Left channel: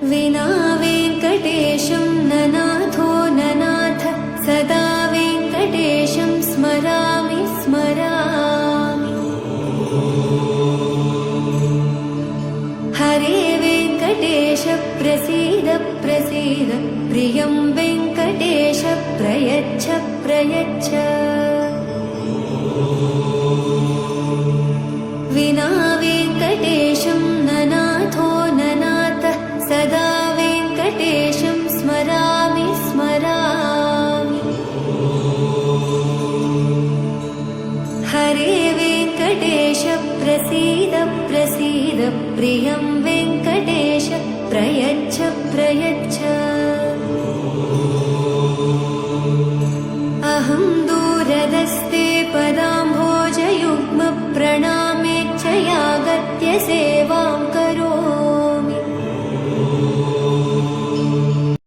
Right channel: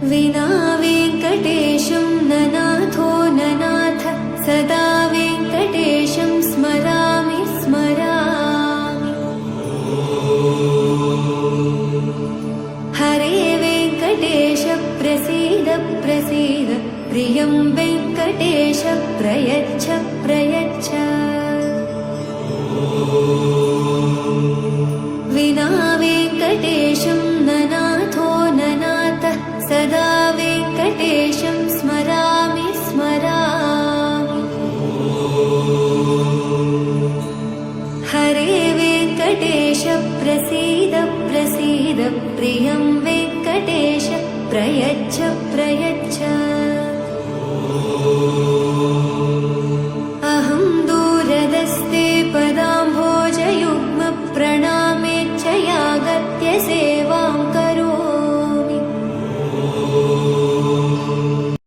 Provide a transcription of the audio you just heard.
विना वेङ्कटेशं ननाथो ननाथ सदा वेङ्कटेशं स्मरामि स्मरामि। हरे वेङ्कटेश प्रसीद प्रसीद प्रियं वेङ्कटेश प्रयच्छ प्रयच्छ। विना वेङ्कटेशं ननाथो ननाथ सदा वेङ्कटेशं स्मरामि स्मरामि। हरे वेङ्कटेश प्रसीद प्रसीद प्रियं वेङ्कटेश प्रयच्छ प्रयच्छ। अहं दूरदस्ते पदाम्भोजयुग्म प्रणामेच्छयागत्य सेवां करोमि।